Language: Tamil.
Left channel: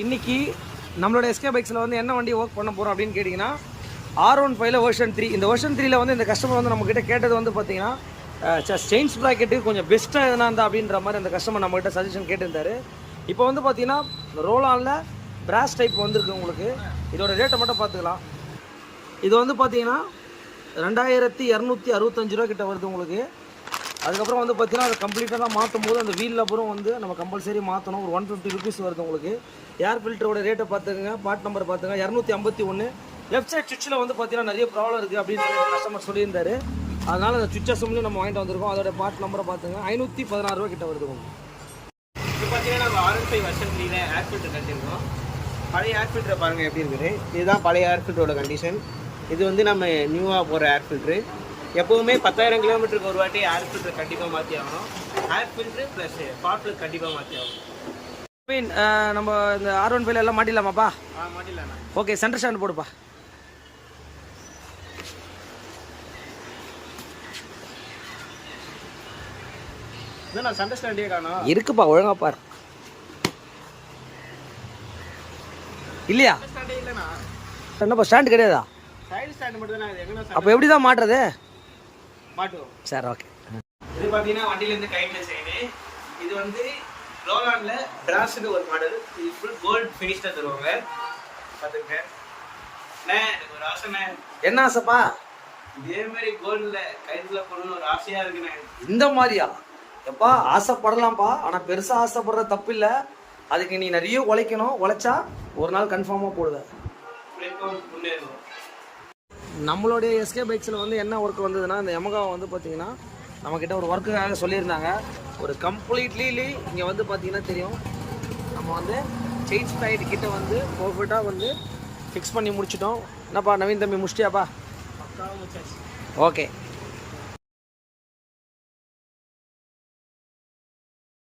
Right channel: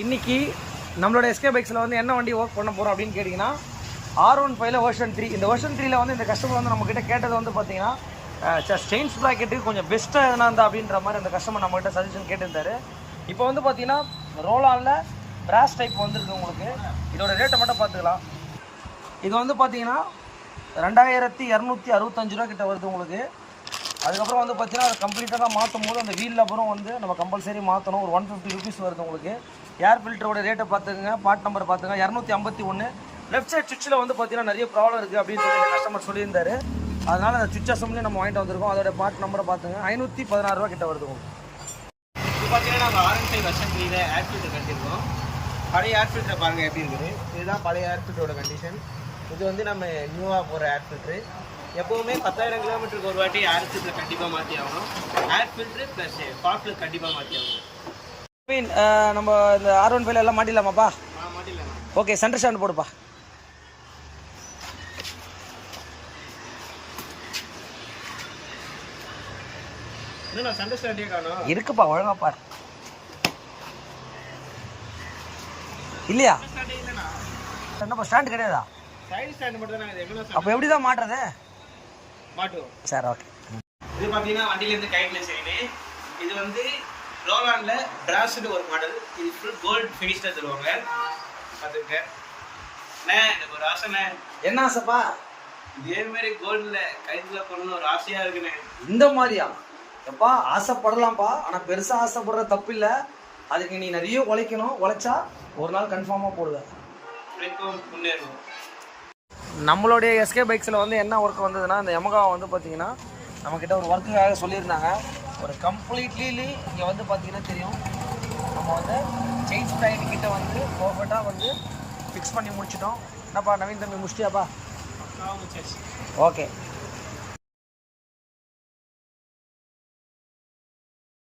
இன்னைக்கு நம்மளோட எஸ்கே பைக்ஸில் வந்து என்ன வண்டி ஒர்க் பண்ண போகிறோம் அப்படின்னு கேட்டிங்கன்னா R15 வெர்ஷன் 3. இந்த வெர்ஷன் 3ல வந்து இந்த கஸ்டமர் வந்து நம்மக்கிட்ட கேட்டது வந்து பார்த்தீங்கன்னா செயின்ஸ் ப்ராக்கெட்டு கொஞ்சம் பெஸ்ட்டாக எதனா இருந்தா அப்படின்ற மாதிரி அந்த கஸ்டமர் நம்மகிட்ட சஜஷன் கேட்டிருந்தாரு. இப்போ வந்து பார்த்தீங்கன்னா ரோலானில் பிராஸ் டைப் வந்துருக்கு உங்களுக்கு. இதோட ரேட்டை மட்டும் பார்த்துக்கலாம். இது வந்து பார்த்தீங்கன்னா 2265 ரூபா கிட்ட வருது உங்களுக்கு. அதுக்கப்புறம் வந்து பார்த்தீங்கன்னா அதை கம்ப்ளீட்டாக தான் மாற்றும் போது அந்த வீல் அப்புறம் வந்து நம்ம கம்பல்சரி மாற்றணும். ஒரு 150 ருபீஸ் வருது உங்களுக்கு. ஏர் ஃபில்டரோட ரேட்டை பார்த்துக்கங்க, பார்ட் நம்பர் பார்த்துங்க. 251. லெஃப்ட் சைட் சுவிட்சில் வந்து பார்த்தீங்கன்னா நிறைய ப்ராப்ளம் இருக்குது அப்படின்னு சொல்லி கஸ்டமர் சொல்லியிருந்தாரு. அதனால் அந்த சுவிட்ச் அசம்பிளி நம்ம வாங்கிட்டு வந்திருக்கோம். அதோட பார்ட் நம்பரை பார்த்துங்க. 516 ரூபா கிட்ட வருது உங்களுக்கு. இப்போ பார்த்தீங்கன்னா நம்ம R15 வெர்ஷன் 3ல ஏர் ஃபில்டர் கட்டியிருக்கோம். பழைய ஏர் ஃபில்டரை பாருங்கள் எப்படி இருக்குது. இதுதான் பழைய ஏர் ஃபில்டரோட கண்டிஷன். இது வந்து நம்ம நியூவாக போகிற ஏர் ஃபில்ட்ரு. எப்போவுமே 10,000 கிலோமீட்டருக்கு ஒரு வாட்டி ஏர் ஃபில்டரை கண்டிப்பாக மாற்றி ஆகணும். ஏர் ஃபில்ட்ரு ப்ளஸ் ஃபால்ட்டு கண்டிப்பாக மாற்றி ஆகணும். நம்ம இந்த R15 எல்லாம் மாட்டிடலாமாப்பா? மாட்டிடலாம். ஓகே, சென்டர் ஸ்டாண்ட் போடுப்பா. நான் சென்டர் ஸ்டாண்டே காணோம். இருக்குப்பா, ஒழுங்கா பாரு. இல்லையா? என்னப்பா ஸ்டாண்ட் கிடையாதா? சைடு ஸ்டாண்ட் மட்டும் தான். எங்கன்னா அப்போ எப்படி தான் மாட்டுறது? மாட்டுவோம். சரி, ஓகே. இது பார்த்தீங்கன்னா வண்டியிலேருந்து கைட்ல செய்யுது. இது வந்து ரோலானில் பிராஸ்னு ஒரு மாடல். இது ஃபுல் கோல்டு ஃபினிஷ்டாக தருவாங்க. பார்த்துக்கிட்டேன் எனக்கு ஒரு ஆசைண்ணே. என்ன ஆசைப்பா? இதே மாதிரி கோல்டில் கைத்தில் பண்ணணும்னு ஒரு ஆசையாக இருக்குண்ணே. இந்த மாதிரியா? எப்பா ஆசைப்படலாம்ப்பா, ஆனால் பெருசாக ஆசைப்படுற தப்பு இல்லை. அதுக்கு நீ நிறைய உழைக்கணும். உழைச்சா ஒரு நாள் கன்ஃபார்மாக போடுவேன். முன்னேறுவோம். நம்மளுடைய எஸ்கே பைக்ஸில் வந்து என்ன ஒர்க் வந்ததுன்னா, இந்த யமகா வந்து பார்த்தீங்கன்னா நம்மக்கிட்ட ஒரு ஒர்க்குக்காக சொல்லியிருந்தாங்க. ஒரு கம்ப்ளீட்லி இங்கே வந்து பார்த்தீங்கன்னா தெரியும், நம்ம வந்து செயின் ஸ்டைட் கிட்ட வந்து பர்ஃபெக்டாக வந்து ஃபிக்ஸ் பண்ணி முடிச்சிட்டோம். என்னப்பா நவீன் தம்பி, முடிச்சிட்டியாப்பா? பக்காவாக முடிச்சாச்சு. ஓகே.